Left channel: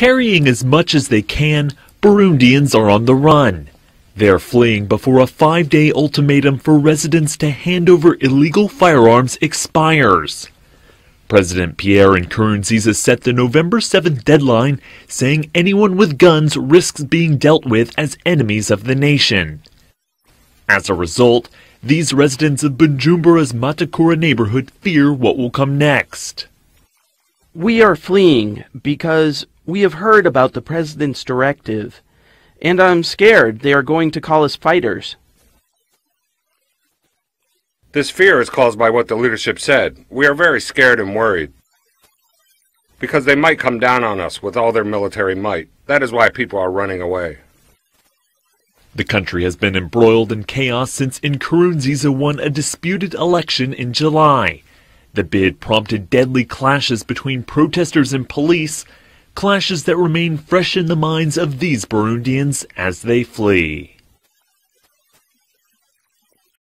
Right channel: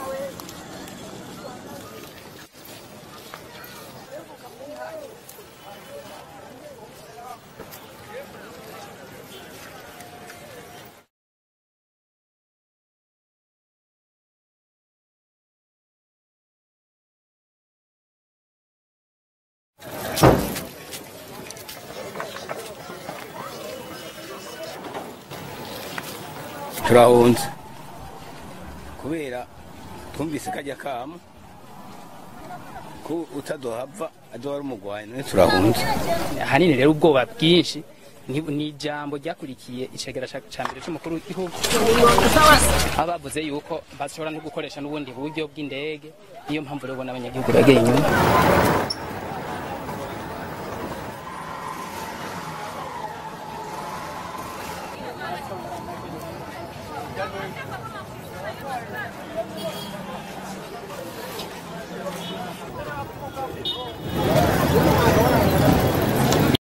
Carrying as much as they can, Burundians are on the run. They're fleeing before a 5-day ultimatum for residents to hand over illegal firearms expires. President Pierre Nkurunziza set the November 7th deadline, saying anyone with guns risks being dealt with as enemies of the nation. As a result, these residents of Bujumbura's Matakura neighborhood fear what will come next. We are fleeing because we have heard about the president's directive, and I'm scared they are going to call us fighters. This fear is caused by what the leadership said. We are very scared and worried because they might come down on us with all their military might. That is why people are running away. The country has been embroiled in chaos since Nkurunziza won a disputed election in July. The bid prompted deadly clashes between protesters and police, clashes that remain fresh in the minds of these Burundians as they flee.